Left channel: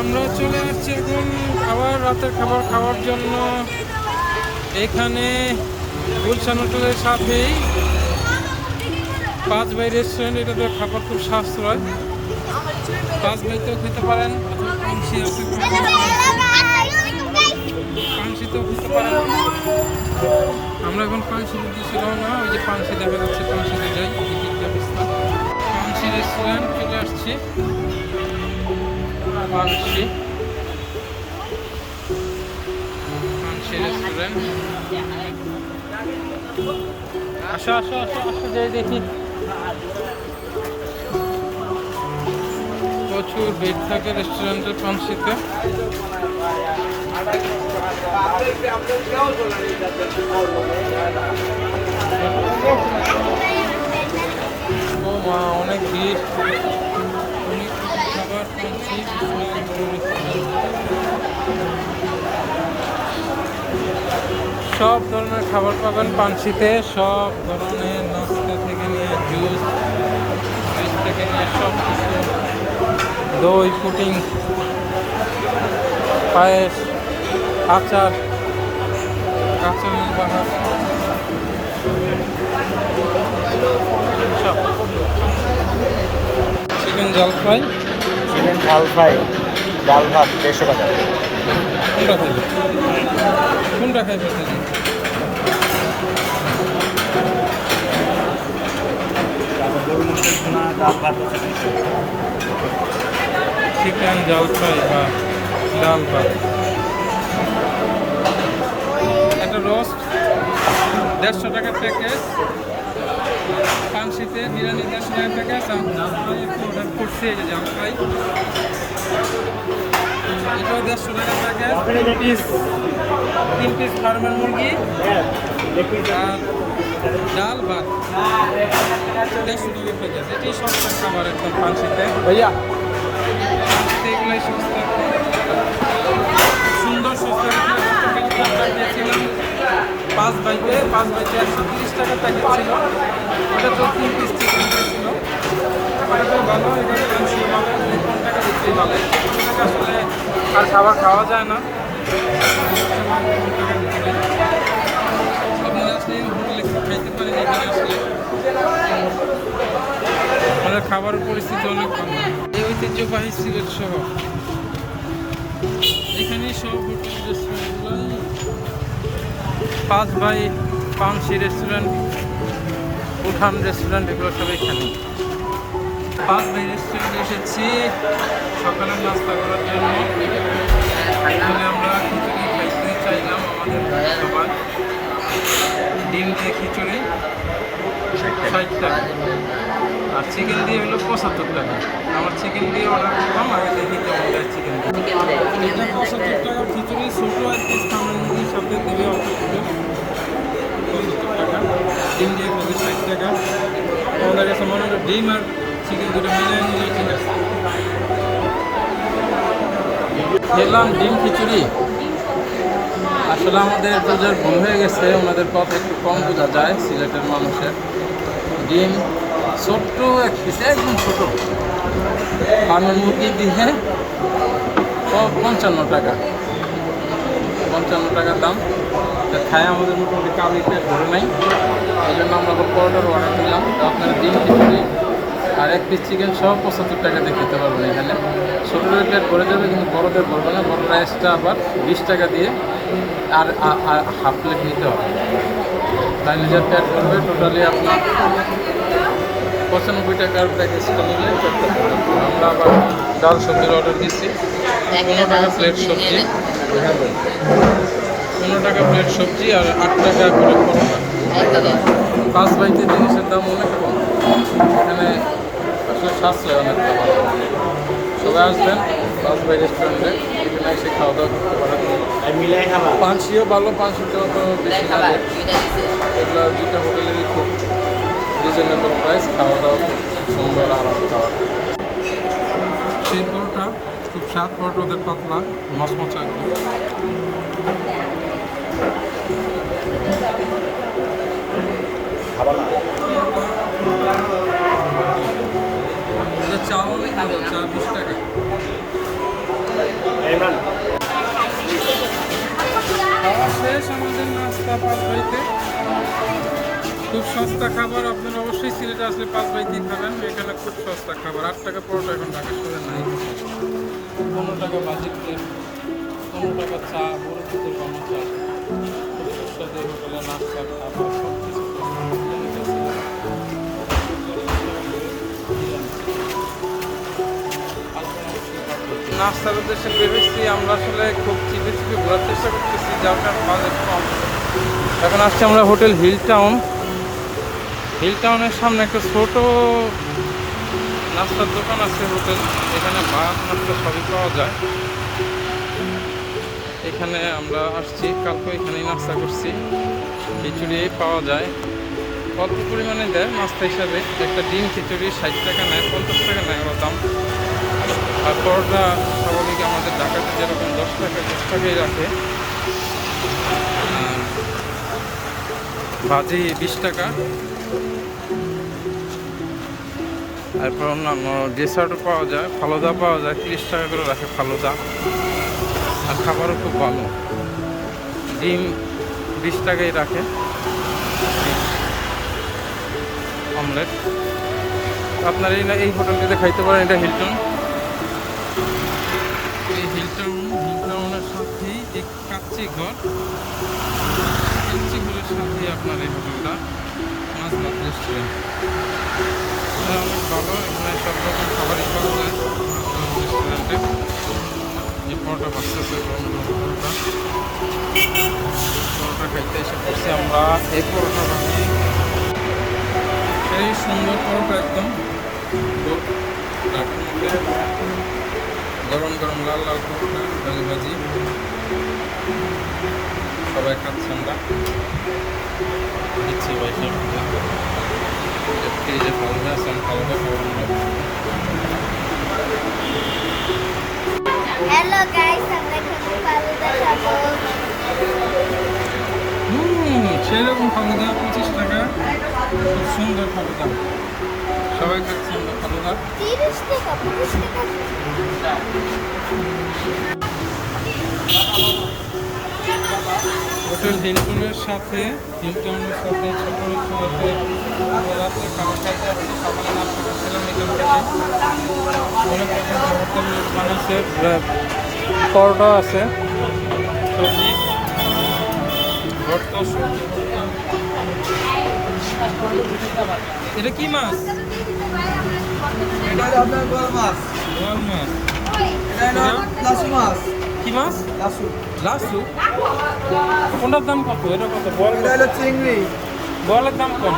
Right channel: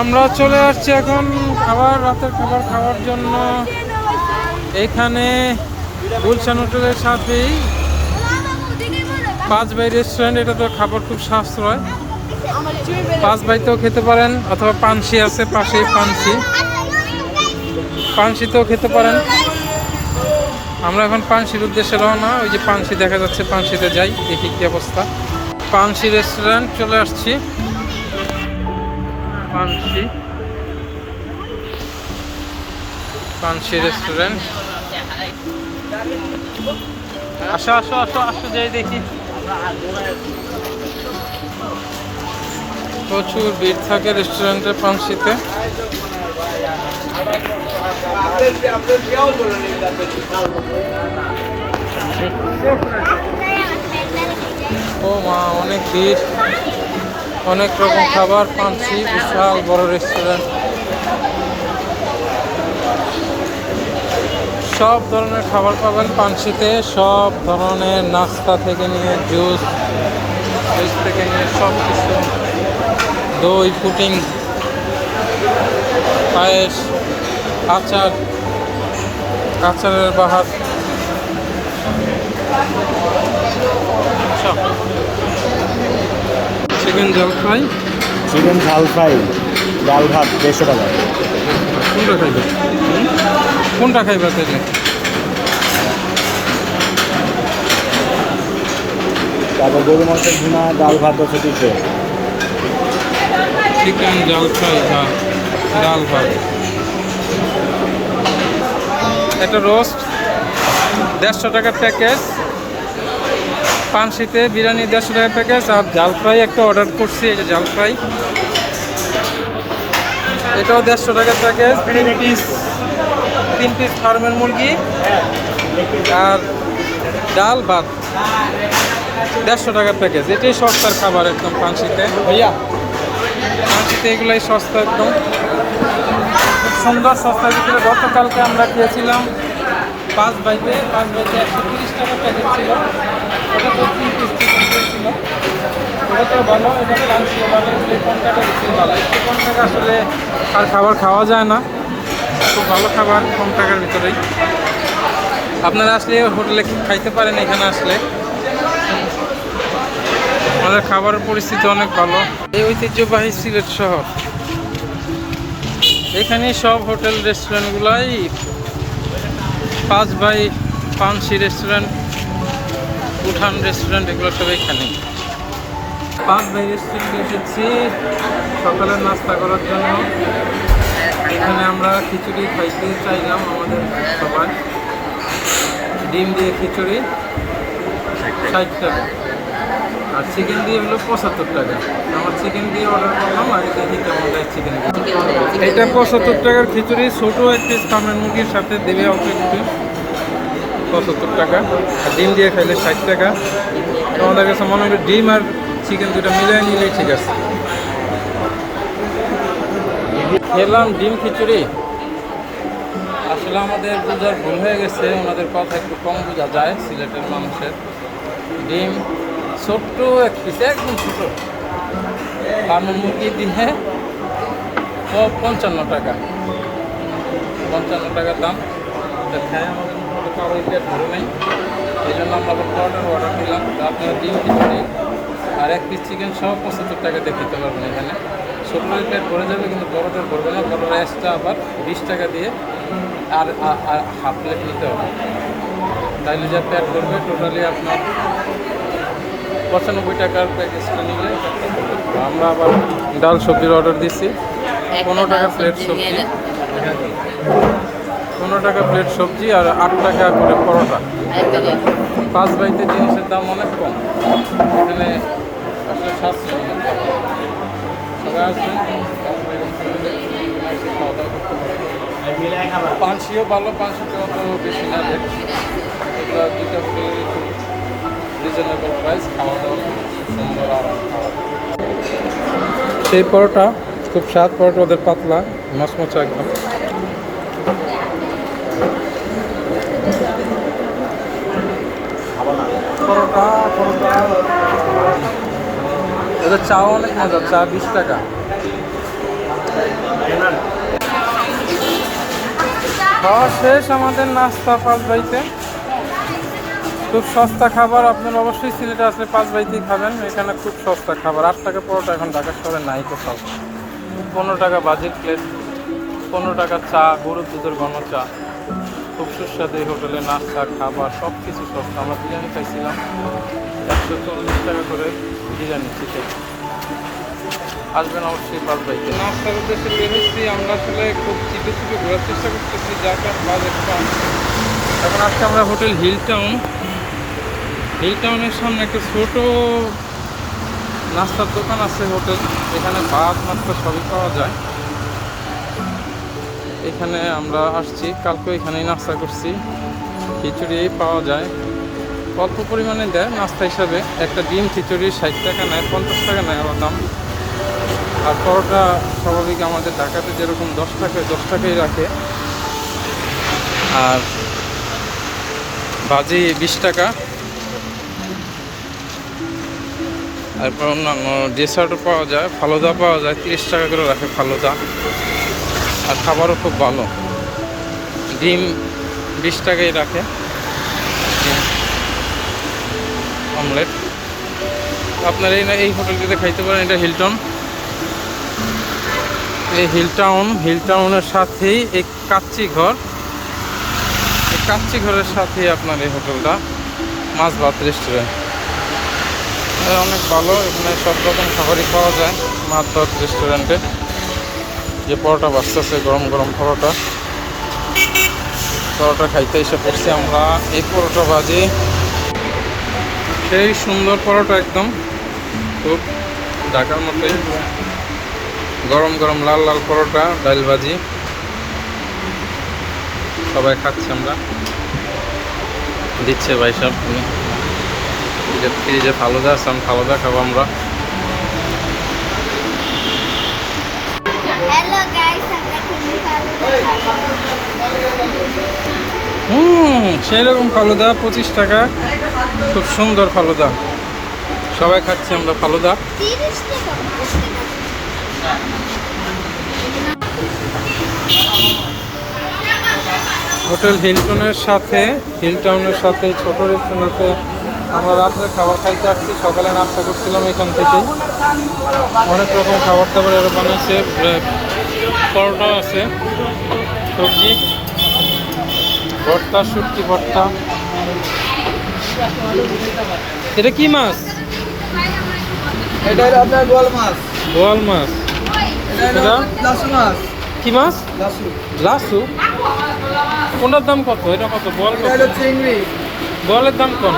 আমরা চলে আসছি এখন আবার রাতের খাবার খাওয়ার জন্য। এখানে গুলশান হোটেলের সাথেই পাঁচ বাই রেস্টুরেন্ট এটা তো খাবার খুব সাশ্রয়। পাঁচ বাইতেও খেতে পারেন, অথবা পানসি আছে পাশে পানসি। পানসিতেও খেতে পারেন। আমরা এখন পানসির উদ্দেশ্যে রওনা, ওই যে পানসি দেখা যাচ্ছে, পানসিতে যাই, দেখি কি অবস্থা। পানসি রেস্টুরেন্ট চলে আসছি। পানসি পানসি রেস্টুরেন্ট আসো আসো আসো আসো, যাই দেখি। প্রচুর ভিড় থাকে রেস্টুরেন্টে পানসিতে ও মা, অনেক ভিড়। অনেক রকম খাবার পানসি বিশাল বড় রেস্টুরেন্ট সব ধরনের খাবার পাবেন পানসিতে, সব ধরনের নাস্তা থেকে নিয়ে জুস জুস থেকে নিয়ে সব কিছু দই পুটিং পায়েস, আচার, আচারের বাহার। চিকেন জল ফ্রাই চিকেন ঝাল ফ্রাই ডাল ভাত দেড়শো টাকা কোনটা খাইবে? কোনটা খাইবে তাইলে? তারপর গরু মাংসের ভুনা ডাল ভাত হচ্ছে দুশো চিকেন জল ফ্রাই বা ডাল ভাত। একটা রোস্ট দেড়শো টাকার প্যাকেজ পানশিতে বিরিয়ানি দেড়শো টাকা প্যাকেজ আর জাল ফ্রাই একটা অর্ডার করছি এই যে জাল ফ্রাই। এটাও দেড়শো টাকার প্যাকেজ তিন পিস তিন পিস ফার্মের মুরগি আর ডাল ভাত। দেড়শো টাকার প্যাকেজ এটাই সস্তার খাবার একদম পানশিতে। ভাইয়া। পাঁচিতে এগুলাই সস্তা একদম। খুব সুন্দর সস্তার ভিতরে গতকালকে আমরা গিয়েছিলাম পাঁচ বাইতে পাঁচ বাইতে একশো তিরিশ টাকা প্যাকেট ছিল। ওটা তো তিন পিস চিকেন দিয়েছিল। ওটা তো ভালো, এটা পাঁচশো ভালো এগুলো কম দিতেই ভালো। একটু কম টাকা আসলে খাবার খাওয়া যায় না। খুব ভালো খাবার, কম টাকার ভিতরেই। আপনারা আসলে হোটেলে খাইতে পারেন এখানে আসলে। আমাদের খাবারের পরিস্থিতি অনেক ভালো। এই ঐতিহ্যবাহী সিলেট শহর। এখানে সব হোটেল, রেস্টুরেন্টগুলাই পাঁচ by Panshi restaurant. Uthan restaurant এগুলো সব এখানে। পাঁচ বাই রেস্টুরেন্টে এসেছি সকালের নাস্তা করার জন্য। এখানে আমরা খিচুড়ি খাইতে চাইলাম আমাদের সবাই। ডিম দিয়ে খিচুড়ি ষাট টাকা। আর চিকেন দিয়ে হলো পঁচাত্তর টাকা। আমার চিকেন দিয়ে অর্ডার করলাম আগে দেখি কেমন দেয় চিকেন দিয়ে। এটা পঁচাত্তর টাকার খিচুড়ি ছোটো এক পিস কামের মুরগির সাথে দেবে অল্প একটু। পঁচাত্তর টাকা, আর ডিম দিয়ে খাইলে ষাট টাকা। তো আমাদের কাছে মনে হয় ডিম আর চিকেন দুটা মিলিয়ে নিলেই ঠিক আছে। খেলাম ডিম খিচুড়ি। আসলে আমাদের বোঝার ভুল হয়ে গেছে, ওনাদের কথা একটু কম বোঝা যায় সিলেটের মানুষের। ডিম ছোট্ট এক পিস একদম ছোট। ফার্মের মুরগি দিয়ে পঞ্চান্ন টাকা। পঞ্চান্ন টাকার দাম। তা খায় আমাদের মোটামুটি কারোই পেট ভরে নাই। এই জন্য আমরা আবার পরোটার অর্ডার দিলাম। তো আপনারা ডিম খিচুড়ি আর এক পিস চিকেন সহ পঁচাত্তর টাকা দিয়ে খেতে পারবেন এখানে। ছোটোদের পেট ভরে যাবে, কিন্তু বড়দের ভরবে না। বড়রা এক্সট্রা আবার বিশ টাকা দিয়ে আর আর হাফ প্লেট নিতে হবে। তাইলে যা পেট ভরবে টোটালি আপনার পঁচানব্বই টাকার প্যাকেজটা নিলে পেটটা ভরে আমরা আবার ডাল সবজির অর্ডার দিচ্ছি পনেরো টাকা প্লেট সবজি। পনেরো টাকা প্লেট সবজি আর আট টাকা করে পরোটা। পাঁচ বাইতে জিনিসের দাম অনেক কম। এখানে আসলে সাশ্রয় অনেক খাবার। সবাই আসবেন, পাঁচ বাই রেস্টুরেন্টে এখানে এসে খাওয়া দাওয়া করতে পারেন। পানসিও ভালো পানসিতে অত বেশি না রেট এগুলো দুইটা হোটেলেরই খুব রিজনেবল প্রাইস খাওয়া দাওয়া খুব সুন্দর, আরাম খাওয়া। সেই পরোটা খুব স্বাদ, পরোটা ওদের পাতলা, মচমচা একদম খাবার না পরোটা পরোটা ওদের চা অনেক মজা, চা বিশ টাকা। খাওয়া শেষ আমাদের নাস্তা পাঁচ বাড়িতে খুব সস্তা খাবার, আপনারা অবশ্যই সিলেটে আসলে পাঁচ বাড়িতেই খাবেন। এখানে খুব সস্তা খাবার। আট টাকা পরোটা এখন ঢাকা শহরে নাই কোথাও। পনেরো টাকা বাজেট প্লেট পনেরো টাকা চা, গরুর দুধের ঘন চা। খুব সুস্বাদু এই হোটেলে নাস্তা, খাবার সব কিছু সস্তা। আমরা বিরিয়ানি খাইছিলাম। একশো চল্লিশ টাকা করে বিরিয়ানি চিকেন আসবেন অবশ্যই পাঁচ নাস্তার উদ্দেশ্যে বেরোচ্ছি আমরা আসলে খুব চিপে চিপে ঘোরার চেষ্টা করতেছি যার কারণ বাজেট কম এখন আসছি আমরা হোটেল হিল টাউন হিল টাউনের সামনে একটা ছোট নাস্তার দোকান আছে হোটেল এখানে ভাত নাস্তা সবই পাওয়া যায় এখানে আমরা আসছি, কালকে এখানেই নাস্তা করছি। খিচুড়ি পাওয়া যায়। অল্প পরিমাণে দেয়, নাস্তা হিসাবে। একটা ডিম খিচুড়ি ষাট টাকা নেয়, পঞ্চাশ টাকা নেয় ওরা দাম। আর পরোটা স্বাভাবিক আমাদের ঢাকাতে যেরকম দশ টাকায় দশ টাকাই রাখে। আর ভাজি বিশ টাকা। তারপর অন্যান্য ডেসার্টও পাওয়া যায়, ফালুদা পাওয়া যায়, তিরিশ টাকা করে রাখে ফালুদা। আর খাবারও খুব ভালো। ডিম বিশ টাকাই রাখে ডিম অমলেট। আপনার এই এই হোটেলটিতে খাইতে পারেন, এটা হিলটন। এই হিল টাউন হিল টাউনের সাথেই এই কাচ্চি ঘর। এই কাচ্চি ঘরের সাথেই আপনার এই হোটেলটা মাছ ভাত রেস্টুরেন্ট অনেক ভালো, এখানে সব রকম খাবারই পাওয়া যায় মাছ ভাত রেস্টুরেন্টে যে পরোটা বাঁচতেছে, গরম গরম পরোটা। পরোটা খাইতে এসে পড়ছি আমরা। এই পরোটা ভাজি সেই সুন্দর পরোটা একদম। খুব ঢাকার মতোই। গরম গরম লাল লাল পরোটা ডাল ভাজি। সবাই খাচ্ছি আমরা। দিচ্ছে ভাই সব। যে ফ্রিজে ফালুদা আছে আমি ফালুদা খাব আমরা। হুম সেরকম ফালুদা পঁচিশ টাকা। খুব সুন্দর ফালুদা। সবাই খাচ্ছি আমরা ফালুদা। হোটেল হিলটনের সাথে হিলটাউনের সাথে, ছোট রেস্টুরেন্টে আমরা রাত্রে খাবার খাইতে আসছি। সকালে নাস্তা করছিলাম এখান থেকে। অনেক রকম খাবার দাবার এরা বানাচ্ছে ব্রে- পরোটা আছে, সবজি। ভর্তা সুটকি ভর্তা। এটা কি মাছ? এটা আপনার গোল মাছ। বোয়াল মাছ। এটা? লাসু মাছ। কি মাছ? লাসু। লাসু? কোনটার দাম কত? এটা কত? বল কত? চিংড়ি। বলের দাম কম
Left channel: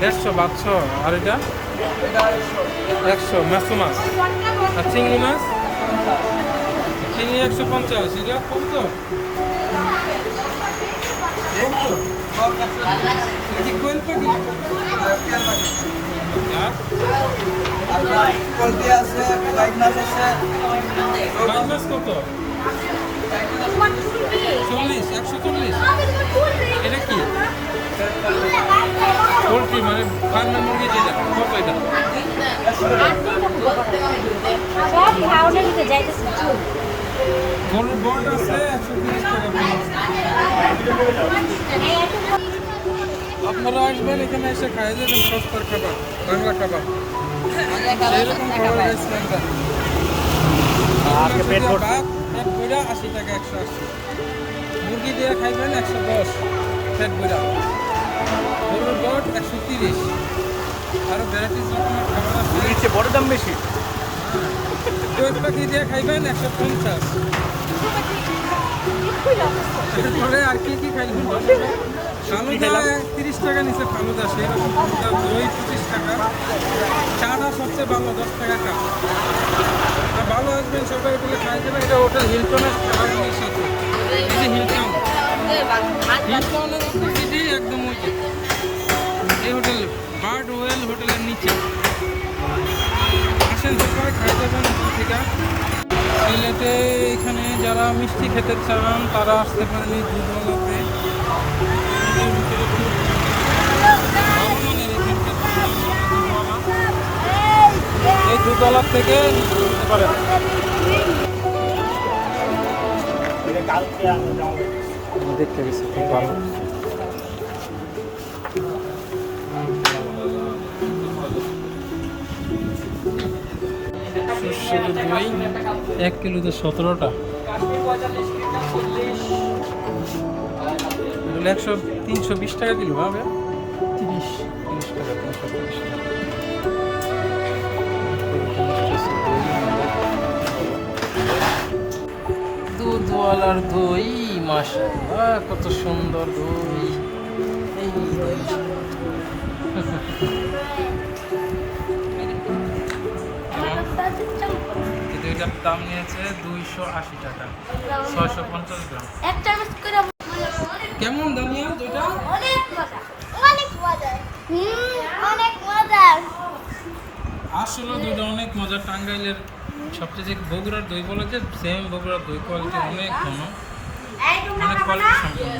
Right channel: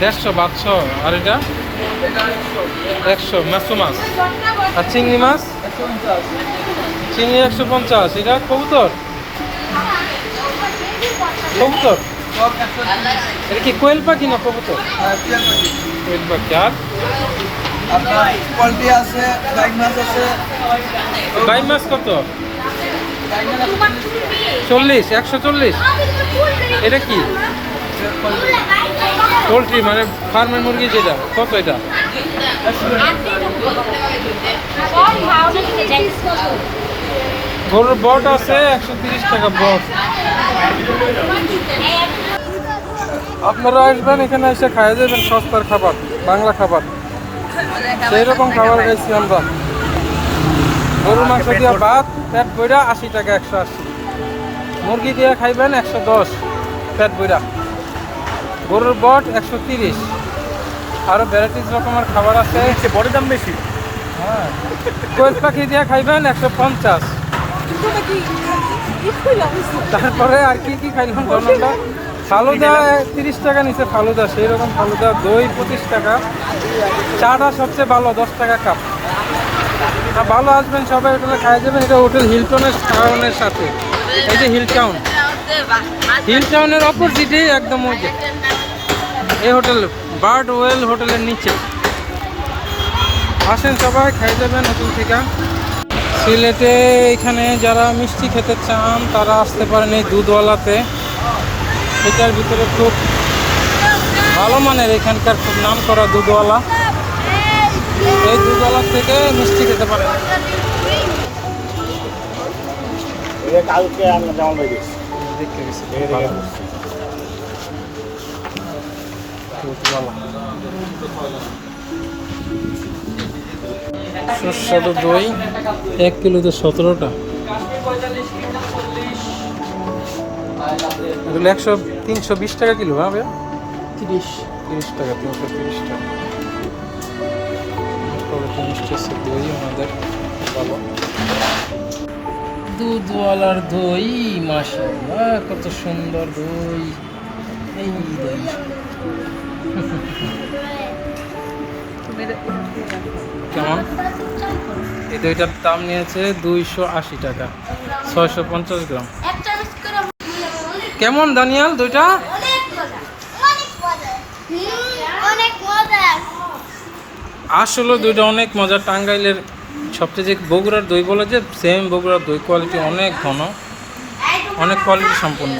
দেড়শো বারোশো। আর এটা? একশো। মাছু মাছ। আর চিংড়ি মাছ? চিংড়ি একশো পঞ্চাশ। এটা কবুতর? কবুতর? এটা কি কোয়েল পাখি না কবুতর? কোয়েল পাখি। আর? পোলট্রি আছে মাছ আছে। গাই মাছ কত? চল্লিশ একশো চল্লিশ। এটা কি? পোলট্রি মানে ফার্মের মুরগি যেটা কত এটা? গরুর বট আছে একশো তিরিশ টাকা বট। আপনারা আসবেন এখানে এসে খাই যাবেন সস্তার খাবার বাংলা খাবার। সেই রকম খাবার খাইছি আমরা। গরুর মাংস দিয়ে ভাত পেট বইরা আশি টাকা একশো আশি। মুরগি দিয়ে খাইবেন একশো দশ পেট বইরা গরুর বট একশো তিরিশ। আরও ভ্যারাইটিস রকমের খাবার আছে। বড় দাম বেশি। হ্যাঁ। কোয়েল পাখি দিয়ে খাইবেন একশো পঞ্চাশ। তারপরে আর কি কি খাইলাম ধরুনটা ফালুদা তিরিশ টাকা নিচে ফালুদা সেই রকম ফালুদা দই পঁচিশ টাকা। চাটা সবচেয়ে ভালো, দশ টাকা কাপ আর ভালো আসবেন সবাই হোটেলে খাই যাবেন এটা হোটেল হিলটনের টাউনের সাথে। এই যে হিল টাউন। অপোজিটে একদম ওই এই হোটেল বার্ড ওয়েল হোটেলের নিচে। আসেন সবাই খাই যাবেন হোটেল থেকে। সিলেটে এখানে যারা মিষ্টি খেতে চান, তারা আসতে পারেন এই দুধওয়ালাতে। এটার ভিতরে খুব ভালো মানের এখানকার খুব নাম করা দুধওয়ালা। এই দুতলার থেকে মিষ্টি খেতে পারে। কালকে আমি ডাউনলোড দেখতে গেছি ভালো। সুস্বাদু দই এক কিলোতে সতেরোটা। এগুলো একশো তিনশো বিশ টাকা কিলো হ্যাঁ ভাইয়া? তিরিশ। তিরিশ টাকা তিনশো তিরিশ টাকা। আমাদের ভালো দুধওয়ালার দই মাশাআল্লাহ কত সুন্দর দই। এই দই। কেমন? এই দইটার দাম নিয়েছে দুইশো আশি টাকা ছয়শো পঞ্চাশ গ্রাম। কেমন দানিয়াল দুইটা? আসলে দুইটা অনেক মজা। টাঙ্গাইলের সবচেয়ে যে বগুড়ার দই বলে যে সেম বগুড়ার দই কোয়ালিটি অনেক ঘন। অনেক কোয়ালিটি সম্পূর্ণ